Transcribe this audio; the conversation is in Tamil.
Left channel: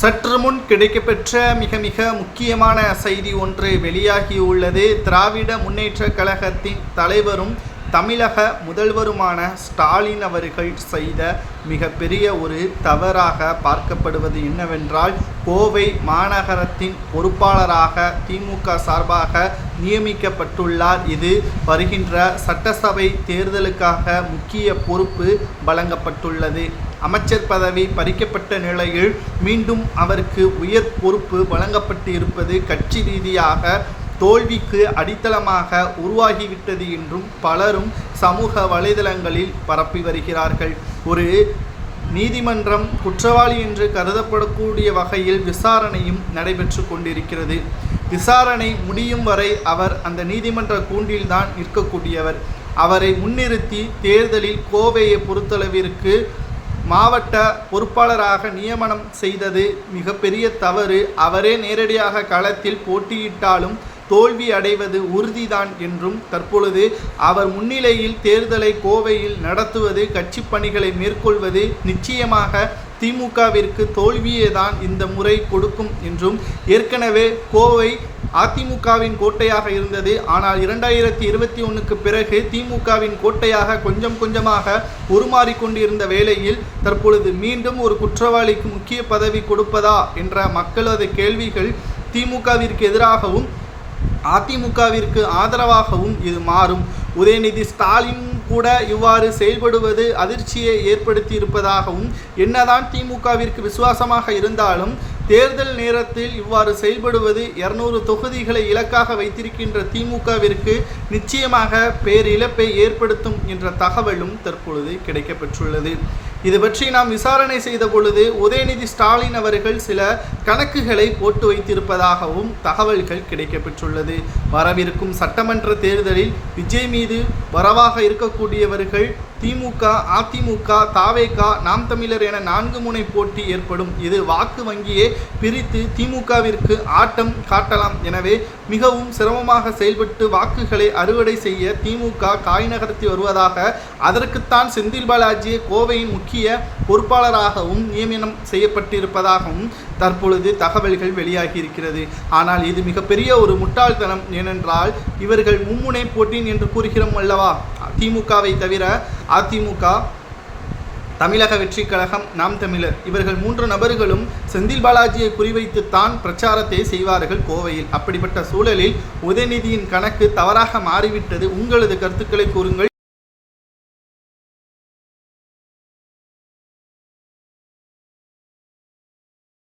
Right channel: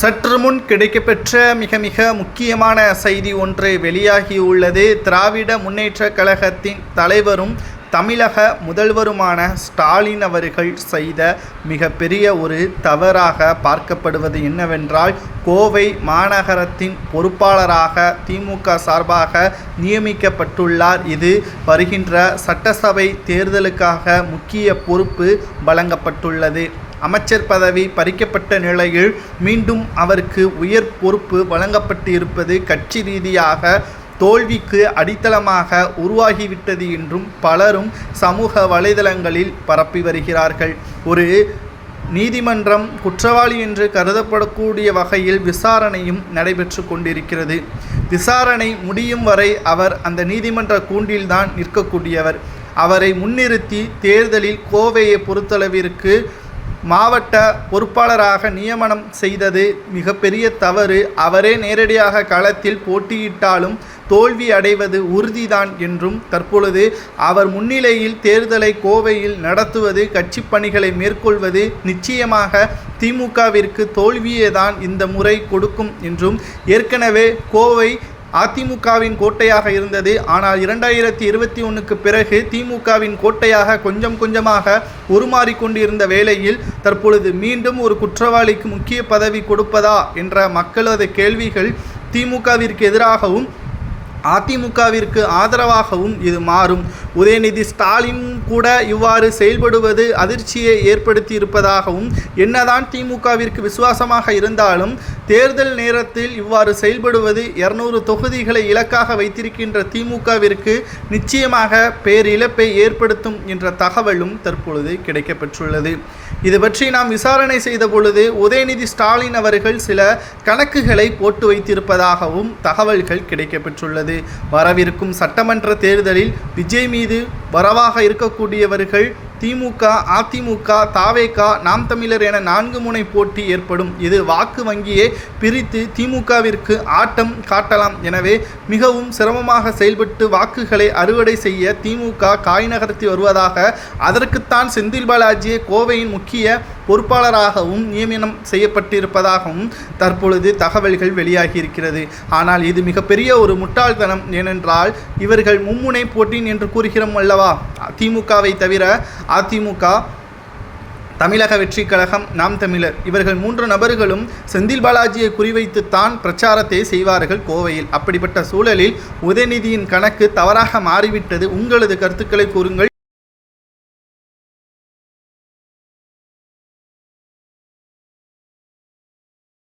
சற்று முன் கிடைக்கப்பெற்ற மிக முக்கியமான செய்தி ஒன்று வெளியாகியுள்ளது. திராவிட முன்னேற்றக் கழகத்தின் தலைவரும் தமிழக முதல்வருமான ஸ்டாலின் அவர்கள் செய்த மிகப்பெரிய ஒரு தவறாக பார்க்கப்படுவது என்னவென்றால், கோவை மாநகரத்தின் பொறுப்பாளராக திமுக சார்பாக நியமிக்கப்பட்டுள்ளார். இது வருகின்ற சட்டசபை தேர்தலுக்காக முக்கிய பொறுப்பு வழங்கப்பட்டுள்ளது. அமைச்சர் பதவி பறிக்கப்பட்ட நிலையில் மீண்டும் அவருக்கு உயர் பொறுப்பு வழங்கப்பட்டு இருப்பது கட்சி ரீதியாக தோல்விக்கு அடித்தளமாக உருவாகிவிட்டது என்றும் பலரும் சமூக வலைதளங்களில் பரப்பி வருகிறார்கள். ஒரு நீதிமன்றம் குற்றவாளி என்று கருதப்படக்கூடிய வகையில் விசாரணையும் நடைபெற்று கொண்டிருக்கிறது. விசாரணை முடியும் வரை அவர் அந்த நீதிமன்ற கூண்டில்தான் நிற்கக்கூடியவர். அவரை முன்னிறுத்தி தேர்தலில் கோவையை பொறுத்தளவிற்கு மாவட்ட பொறுப்பாளராக நியமனம் செய்தது மிகப்பெரிய தவறு. அவரே நேரடியாக களத்தில் போட்டியிட்டாலும் தோல்வி அடைவது உறுதிதான் என்றும், தற்பொழுது அவர் முன்னிலையில் தேர்தலை கோவையில் நடத்துவது, கட்சி பணிகளை மேற்கொள்வது நிச்சயமாக திமுகவிற்கு தோல்வியே தான் இந்த முறை கொடுக்கும் என்றும், ஏற்கனவே கோவை அதிமுகவின் கோட்டையாக இருந்தது. ஆனால் 2021க்கு பிறகு திமுகவின் கோட்டையாக கொஞ்சம் கொஞ்சமாக உருமாறிக்கொண்டிருந்த வேளையில் தற்பொழுது மீண்டும் ஒரு குற்றவாளிக்கு முக்கிய பதவி கொடுப்பதா என்ற மக்களது கேள்விகள் திமுகவிற்கு எதிராகவும் அதிமுகவிற்கு ஆதரவாகவும் இது மாறும். உதயநிதி ஸ்டாலின் கூட இவ்வாறு செயல்படுவது அதிர்ச்சியை ஏற்படுத்தி இருப்பதாகவும், என்னதான் திமுகவிற்கு விசுவாசமாக இருந்தாலும் தேர்தல் நேரத்தில் இவ்வாறு செயல்படுவது 200 தொகுதிகளை இலக்காக வைத்திருக்கின்ற திமுகவிற்கு நிச்சயமாக பேரிழப்பை ஏற்படுத்தும் என்ற தகவலும் தற்பொழுது கிடைக்கப்பெற்றுள்ளது. இது பற்றி நாம் விசாரணை செய்த பொழுது உதயநிதி ஸ்டாலின் அவர்கள் சில கணக்குகளை போட்டு வைத்திருப்பதாகவும் தகவல்கள் கிடைக்கப்பெற்றுள்ளது. வரவிருக்கும் சட்டமன்ற தேர்தலில் விஜய் மீது வரவாக இருக்கக்கூடியவர்கள் திமுக, அதிமுக, தாவேக, நாம் தமிழர் என 4 முனை போட்டி ஏற்படும். இது வாக்கு வங்கியை பிரித்து திமுகவிற்கு ஆட்டம் காட்டலாம். எனவே மிகவும் சிரமமாக செயல்பட்டு வாக்குகளை அறுவடை செய்ய திமுக காய் நகர்த்தி வருவதாக, அதற்குத்தான் செந்தில் பாலாஜியை கோவையின் முக்கிய பொறுப்பாளராகவும் நியமனம் செய்யப்பட்டிருப்பதாகவும் தற்பொழுது தகவல்கள் வெளியாகியிருக்கிறது. ஆனால் இது மிகப்பெரிய ஒரு முட்டாள்தனம். ஏனென்றால் இவர்கள் மும்முனை போட்டி என்று கூறுகிறோம் அல்லவா? திமுகவை தவிர அதிமுக, தமிழக வெற்றி கழகம், நாம் தமிழர், இவர்கள் 3 நபர்களும் செந்தில் பாலாஜியை குறிவைத்துத்தான் பிரச்சாரத்தை செய்வார்கள் கோவையில். அப்படிப்பட்ட சூழலில் உதயநிதியின் கணக்கு தவறாக மாறிவிட்டது. உங்களது கருத்துக்களை கூறுங்கள்.